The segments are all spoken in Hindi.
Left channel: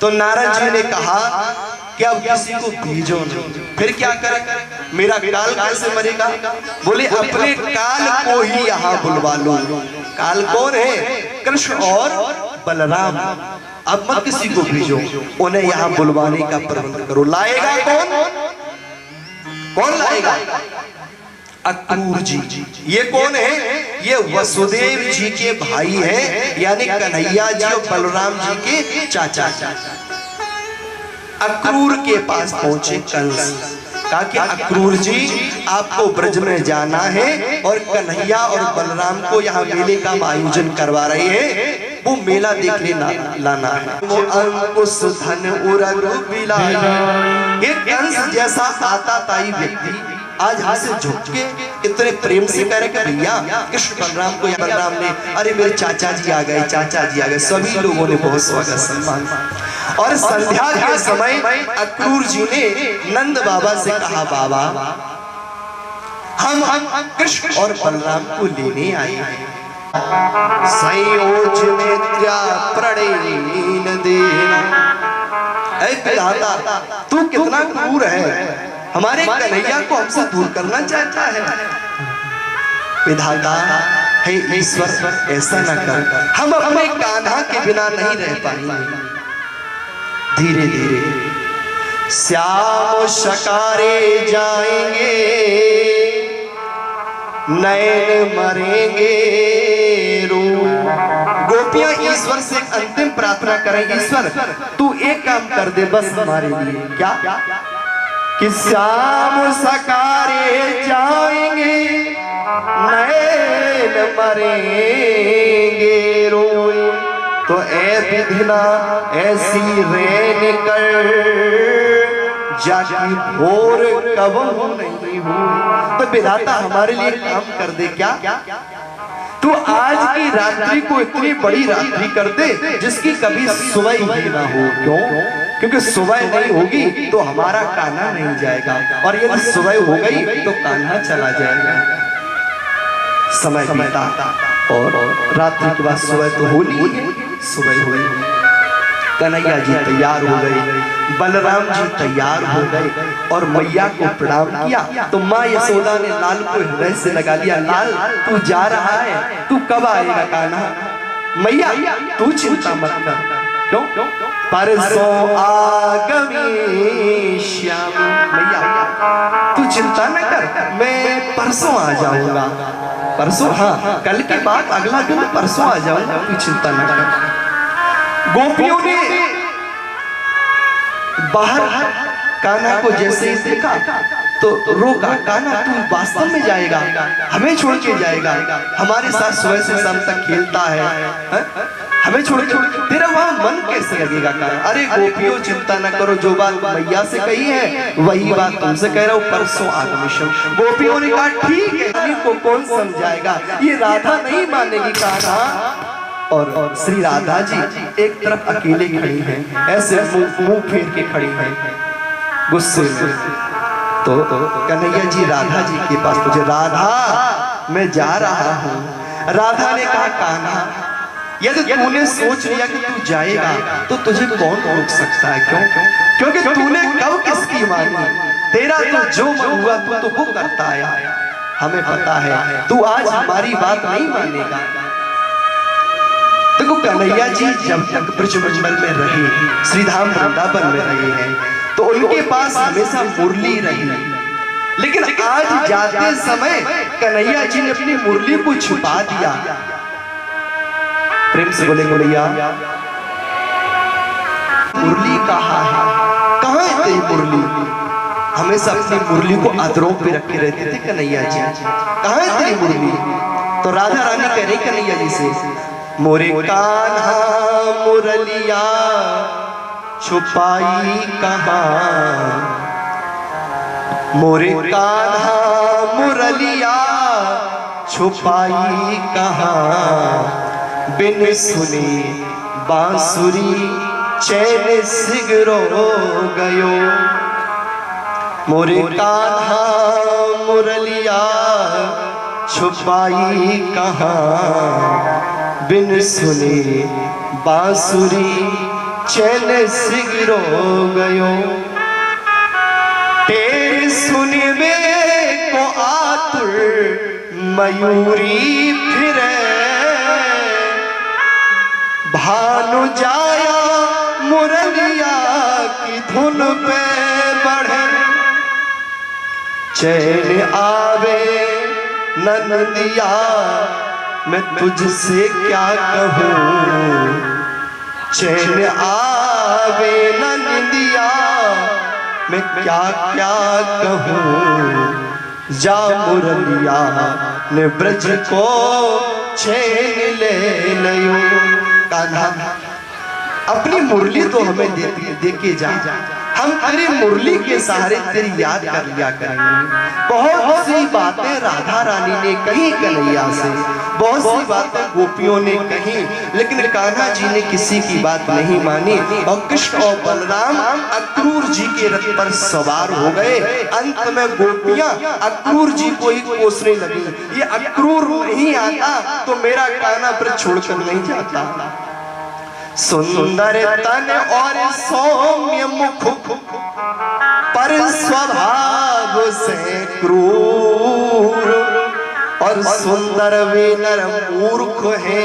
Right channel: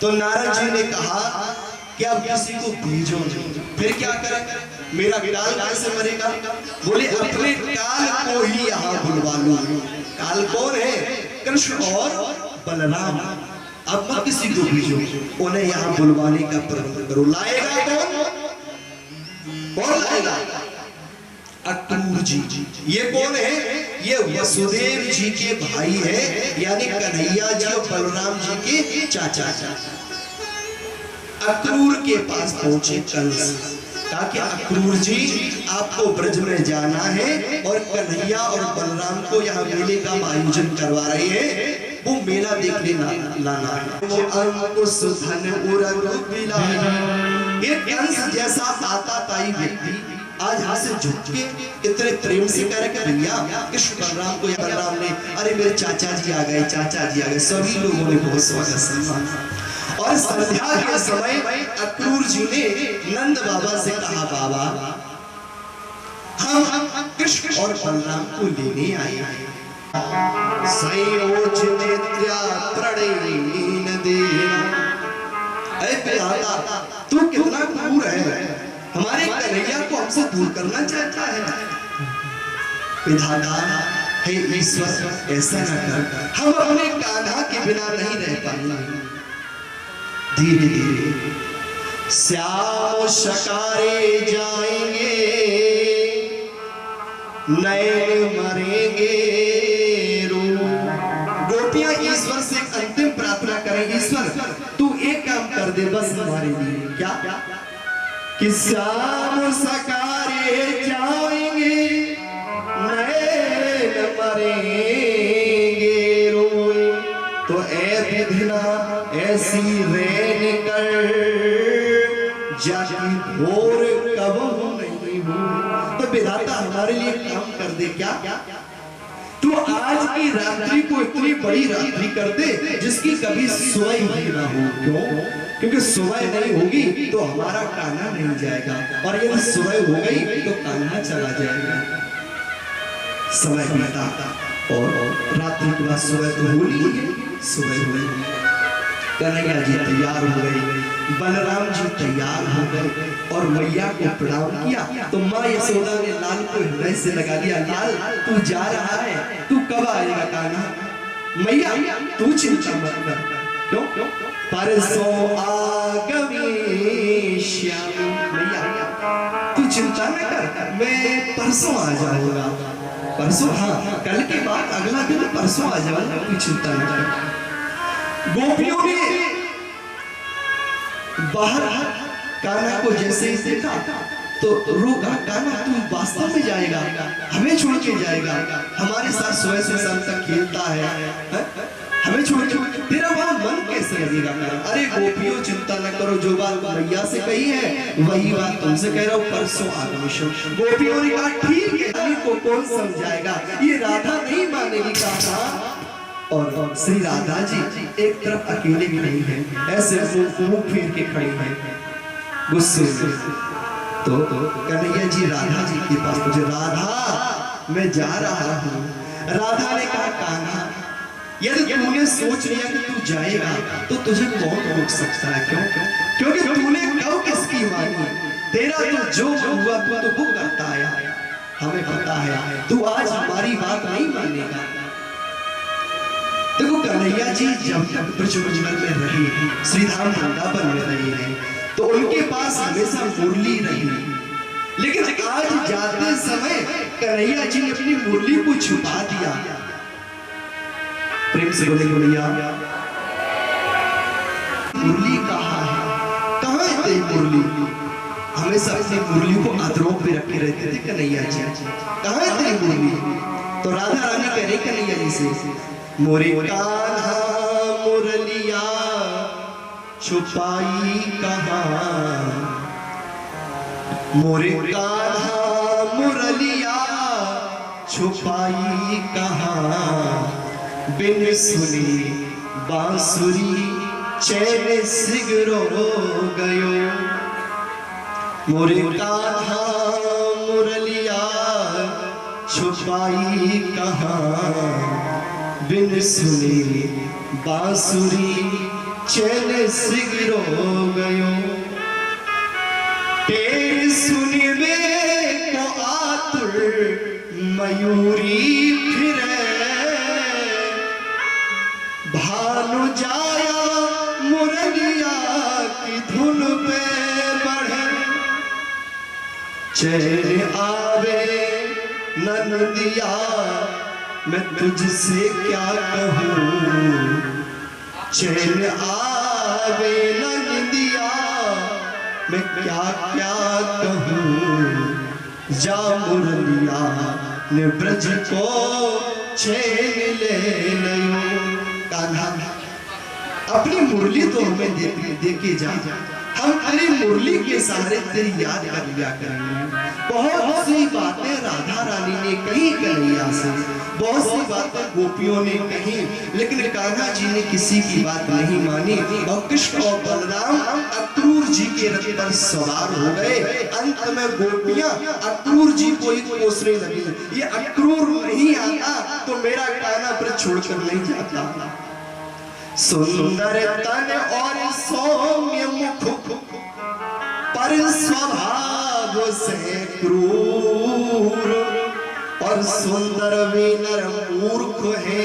तो नारद जी ने कहा कि अब किसी को भेजो नहीं, फिर क्या करें, मेरा काल कैसे मरेगा? बोले अपने काल को ही यहाँ बुलवा लो। काल कौन है? कृष्ण और बलराम। अब मत किसी को भेजो, उन्हें यहाँ बुलवाने का प्रबंध करो। लाएगा कौन? कौन लाएगा? अक्रूर जी। ये कौन है? ये वसुदेव जी के भाई है, यानी कन्हैया जी और बलराम जी के चाचा। अक्रूर के पास पहुंचे कंस, कहा कि अक्रूर जी आपको ब्रज में जाना है और कन्हैया और बलराम को यहाँ मेले का आयोजन करवा रहे हैं, वो मेला देखने लाना है। वो अंकुश धन उरग बिलाई। ये कंस जैसा आता ताई व्यक्ति आज हाथ से झुक के इतने प्रेम से कह रहे भैया कृष्ण बलराम को, या बलराम ने अरे मेरे चाचा जी आ गए, चाचा जी आ गए। सभी लोगों ने बहुत स्वागत सम्मान। और संध्या के समय अक्रूर जी ने नंद बाबा से कहा, बाबा हम कृष्ण और बलराम को लेने आए हैं। संयोज मित्रा प्रणयीन देना। तू कितना क्रूर है, हमारे कन्हैया को हमसे दूर करना चाहता है। विधाता हे ईश्वर ऐसा न कर, हम अपने कान्हा के बिना नहीं रह पाएंगे। धीरे धीरे श्याम शकारे जाएंगे, नैन मरेंगे रो। गोपियां ईश्वर से अंतिम प्रार्थना करें, ईश्वर तू एक काम कर दे बस हमारे लिए। क्या? कि श्याम सकारे जाएंगे, नैन मरेंगे रोए। तो ऐ विधिना ऐसी रेन कर, जाकी भोर कब नहीं हो। तो विधाता हमारे लिए काम कर दे। क्या? तू आज की रात्रि को इतनी बड़ी रात्रि कर दे जिसकी कभी सुबह ही ना हो। क्यों? क्योंकि सुबह नहीं होगी तो हमारा कान्हा नहीं जाएगा, और यदि सुबह हो गई तो कान्हा चला जाएगा। समय बीता और रात्रि के बाद सुबह तो होली, सुबह हो गई। कन्हैया जी तैयार हो गए, बलराम जी तैयार हो गए और मैया को प्रणाम किया। तो माँ यशोदा ने लाल को हृदय से लगा दिया, लाल तू जा रहा है, तू कब आएगा कान्हा? मैया तू चिंता मत कर। क्यों? परसों आगमी श्याम। मैया तू चिंता न कर, मैं परसों आ जाऊंगा। परसों? हाँ, कल के बाद अगला दिन परसों आ जाऊंगा, तू चिंता न कर। गोपियों ने बाहर कान्हा को जैसे ही देखा तो रोका, कान्हा तू वास्तव में जाएगा, हमें छोड़ के जाएगा? हमारे साथ सुबह से शाम तक खेलता है, हमें छोड़ के तेरा वहां मन कैसे लगेगा? कान्हा अरे गोपियों चिंता न करो, जो बात मैया से कही है वही बात तुमसे कह रहा हूँ, परसों आगमिशम। गोपियों ने कहा ठीक है, को कौन समझाएगा, ये राधा नहीं मानेगी कान्हा। और श्री राधा जी एक तरफ अकेले खड़ी हैं, ऐसे मुंह फेर के खड़ी हैं गुस्से में। तो कन्हैया जी राधा जी के पास मुझे, राधा मैं जा रहा हूँ। राधा ने कहा कान्हा यदि तूने सोच लिया कि तू जाएगा तो तुझे कौन रोक सकता है? क्यों? क्योंकि तूने कब किसकी मानी, तेरा तो जो मन हुआ तू तो वो करता आया। हमें पता है तू आज हमारी बात नहीं मानेगा। देखो कन्हैया जी जब तक ब्रजमंडल में रहे, श्रीधाम वृंदावन में रहे हैं, तो उनके पास हमेशा मुरली रही। लेकिन आज जाते समय कन्हैया जी ने अपनी मुरली को छुपा दिया। प्रेम से बोले कन्हैया मुरली कहाँ है? कहाँ है तेरी मुरली? हमेशा अपनी मुरली को अधरों पे रखे रहते थे कन्हैया जी, कहाँ है तेरी मुरली? तो राधा रानी कह रही कन्हैया जी से, मोरे कान्हा मुरलिया छुपाई कहाँ, मोरे कान्हा मुरलिया छुपाई कहाँ, बिन सुने बांसुरी चैन सिगरो गयो। मोरे कान्हा मुरलिया छुपाई कहाँ, बिन सुने बांसुरी चैन सिगरो गयो तेरे सुनबे को आतुर मयूरी फिरे भानु जाया मुरलिया की धुन पे बढ़े चैन आवे नंदिया मैं तुझसे क्या कहूँ चैन आवे नंदिया मैं क्या क्या कहूँ जा मुरलिया ने ब्रज को चैन ले लियो कान्हा अपनी मुरली तो हमें दे के जा हम तेरी मुरली के सहारे तेरी याद कर लिया करेंगे। बहुत सी बातें राधा रानी ने कही कन्हैया से, बहुत सी बातें गोपियों ने कही, लेकिन कान्हा जी ने किसी की बात नहीं मानी और कृष्ण और बलराम अक्रूर जी के रथ पर सवार हो गए। अंत में गोपियां अक्रूर जी को ही कोसने लगी, ये अक्रूर नहीं आता तो मेरा कान्हा पर छोड़कर नहीं जाता। सुंदर तन और सौम्य मुख पर स्वभाव से क्रूर और सुंदर विनर मूर्ख है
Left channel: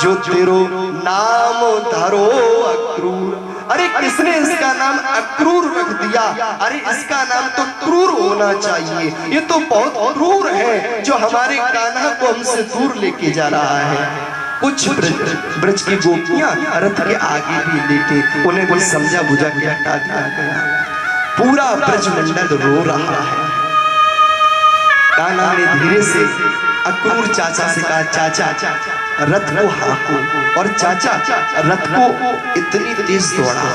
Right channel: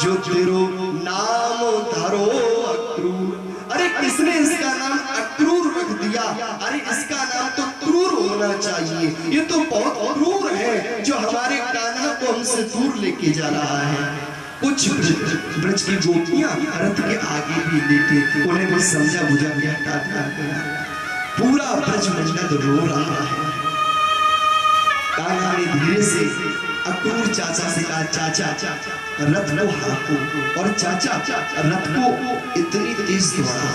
जो तेरो नाम धरो अक्रूर। अरे किसने इसका नाम अक्रूर रख दिया? अरे इसका नाम तो क्रूर होना चाहिए, ये तो बहुत क्रूर है जो हमारे कान्हा को हमसे दूर लेके जा रहा है। कुछ ब्रज की गोपियां रथ के आगे भी लेटे, उन्हें भी समझा बुझा के हटा दिया गया। पूरा ब्रज मंडल रो रहा है। कान्हा ने धीरे से अक्रूर चाचा से कहा, चाचा रथ को हाँको। और चाचा रथ को इतनी तेज दौड़ा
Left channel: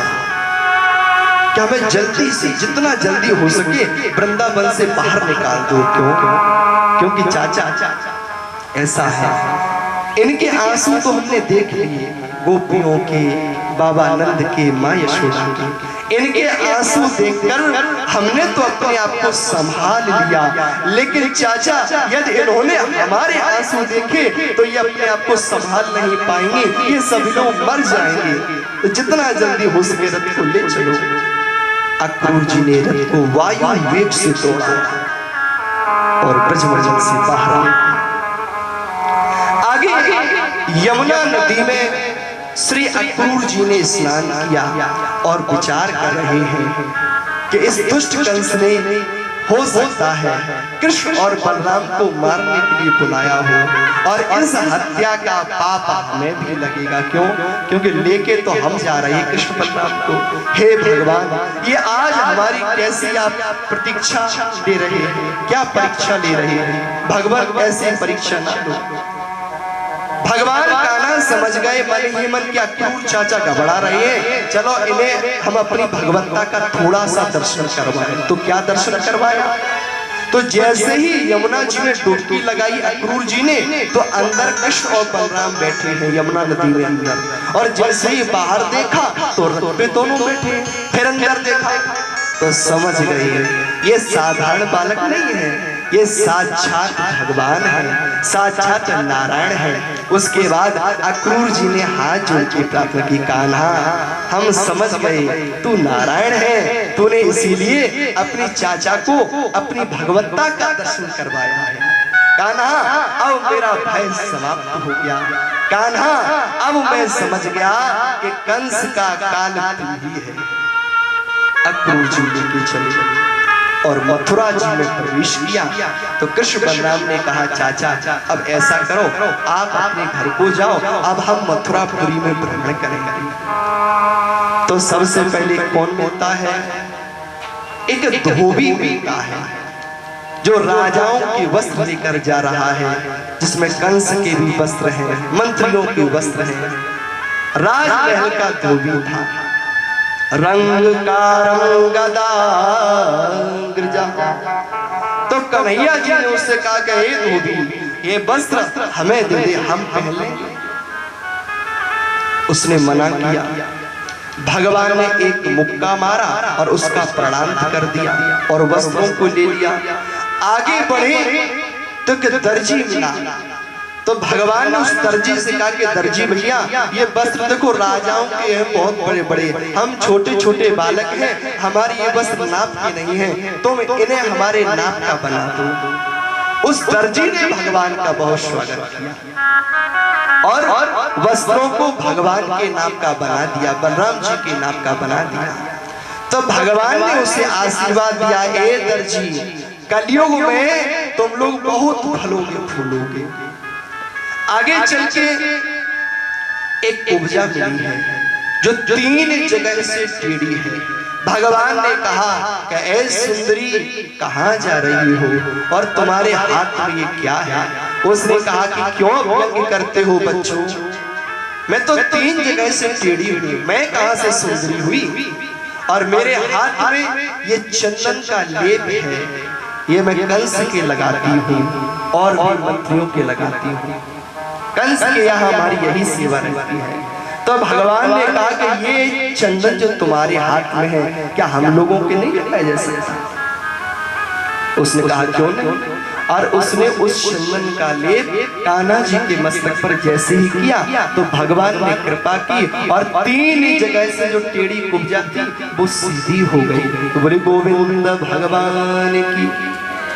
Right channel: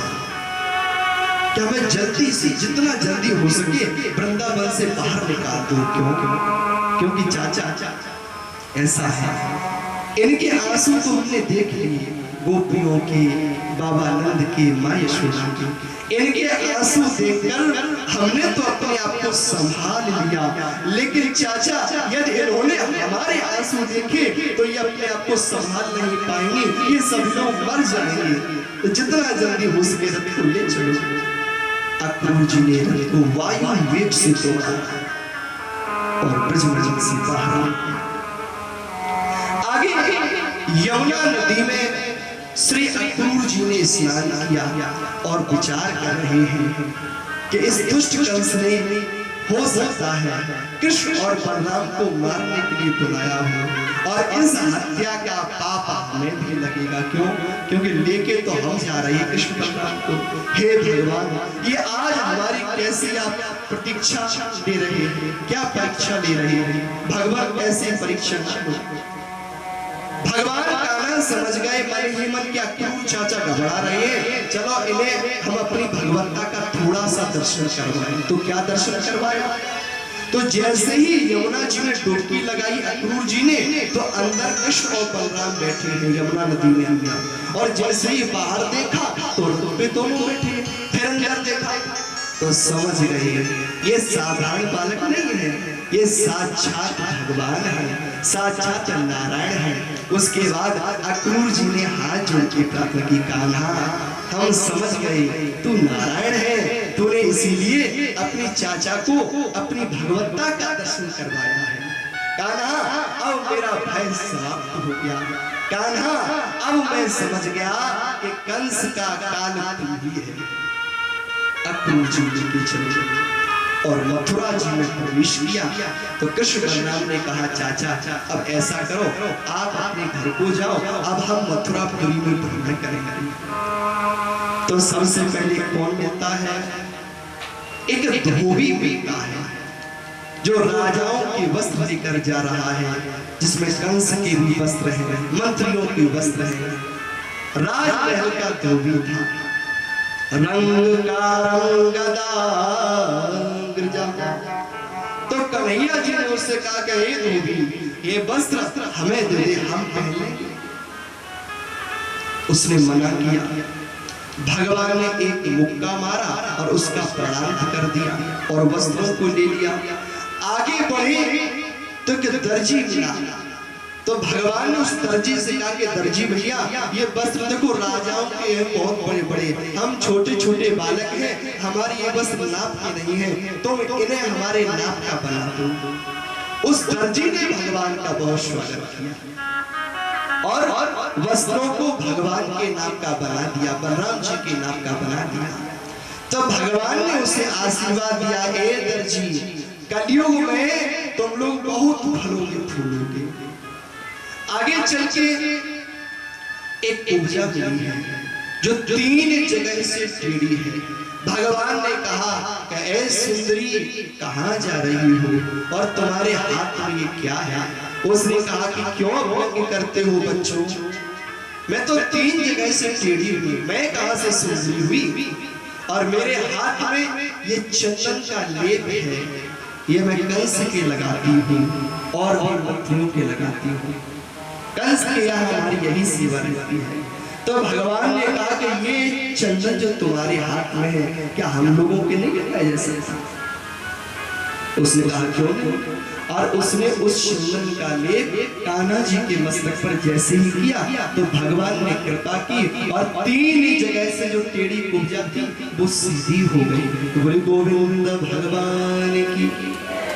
कि हमें जल्दी से जितना जल्दी हो सके वृंदावन से बाहर निकाल दो। क्योंकि चाचा ऐसा है, इनके आंसू तो हमने देख लिए, गोपियों के, बाबा नंद के, माँ यशोदा के, इनके आंसू देखकर हमने तो अपने आप को संभाल लिया। लेकिन चाचा यदि इन्होंने हमारे आंसू देखे तो ये अपने आप को संभाल नहीं पाएंगे, ये सभी लोग मर जाएंगे। तो जितना जल्दी हो सके रथ को ले चलो। अक्रूर जी ने रथ को वायु वेग से तोड़ा और ब्रजमंडल से बाहर यमुना नदी में श्री अक्रूर जी ने स्नान किया और विचार कर रहे हैं कि इस दुष्ट कंस ने हो सकता है कृष्ण और बलराम को मारने के लिए बुलाया हो और इस हत्या का पाप हमें भी लगेगा। क्यों? क्योंकि लेके तो हम जा रहे हैं कृष्ण बलराम को। हे भगवान, ये आज हमारी कैसी आप प्रतीक्षा दे रहे हैं? क्या परीक्षा ले रहे हैं? भगवान ऐसी परीक्षा ना लो। भगवान कान्हा समझ गए मन ही मन, क्या अक्रूर चाचा घबरा रहे हैं, चलो इन्हें हम अपनी भगवत्ता का थोड़ा सा दर्शन करवाएं। तो क्या दर्शन करवाया? तो जैसे ही यमुना जी में डुबकी लगाई अक्रूर जी ने, तो अंदर कृष्ण और बलराम बैठे हैं यमुना नदी में अंदर। और जैसे ही बाहर देखा तो रथ पे दोनों बैठे। फिर अंदर देखा तो समझ गए ये साधारण बालक नहीं है, ये साक्षात भगवान है, साक्षात नारायण है। उसके बाद अक्रूर जी ने हाथ जोड़ के प्रार्थना की, कान्हा हम समझ गए तू नारायण है, तूने इसीलिए अपने चाचा को अपनी भगवत्ता का दर्शन करवाया है। कान्हा अब मेरा भय समाप्त हो गया। कान्हा अब मैं समझ गया कि कंस का कान तू ही है। अक्रूर जी लेके चले और मथुरा जी में प्रवेश किया। तो कृष्ण बलराम ने कहा, चाचा अब ऐसा करो, आप अपने घर को जाओ, अब हम मथुरापुरी में भ्रमण करेंगे। तो सबसे पहले कौन मिलता है? एक धोबी मिलता है जो राजाओं के वस्त्र लेकर जा रहा है, जिसमें कंस के भी वस्त्र हैं, मंत्रियों के वस्त्र हैं। राजमहल का धोबी था, रंग का रंगदा गिरजा। तो कन्हैया जी ने उससे कहा कि हे धोबी, ये वस्त्र हमें दे दे, हम पहन लेंगे। उसने मना किया। भगवान ने एक मुक्का मारा और उसका प्रणाम कर दिया और वस्त्रों को ले लिया। आगे बढ़े तो दर्जी मिला। तो भगवान ने उस दर्जी से कहा कि दर्जी भैया ये वस्त्र देखो राजाओं के हैं, बहुत बड़े बड़े, हम छोटे छोटे बालक हैं, हमारी ये वस्त्र नाप के नहीं है, तो इन्हें हमारे नाप का बना दो। उस दर्जी ने भगवान का बहुत स्वागत किया और वस्त्रों को भगवान के नाप का बना दिया, बलराम जी के नाप का बना दिया। तो भगवान ने उसे आशीर्वाद दिया, ए दर्जी कलयुग में तुम लोग बहुत फलोगे फूलोगे। आगे चल के एक उपजा मिली है जो 3 जगह से टेढ़ी है। भगवान ने कहा कि ऐ सुंदरी कहाँ जा रही हो और तुम्हारे हाथ में ये क्या है? उसने कहा कि क्यों व्यंग करते हो बच्चों, मैं तो 3 जगह से टेढ़ी हुई, मैं कहाँ से सुंदरी हुई? और मेरे हाथ में ये चंदन का लेप है, ये मैं कंस के लगाती हूँ और मंत्रियों के लगाती हूँ। कंस के यहाँ हमारी यही सेवा रहती है। तो भगवान ने कहा कि ये चंदन जो तुम्हारे हाथ में है क्या हम लोगों के नहीं लगाए जैसे? उसने कहा क्यों नहीं? और उसने उस चंदन का लेप कान्हा जी के मस्तक पर जैसे ही किया तो भगवान ने कृपा की और 3 जगह से जो टेढ़ी कुब्जा थी वो सीधी हो गई। तो बोले गोविंद भगवान की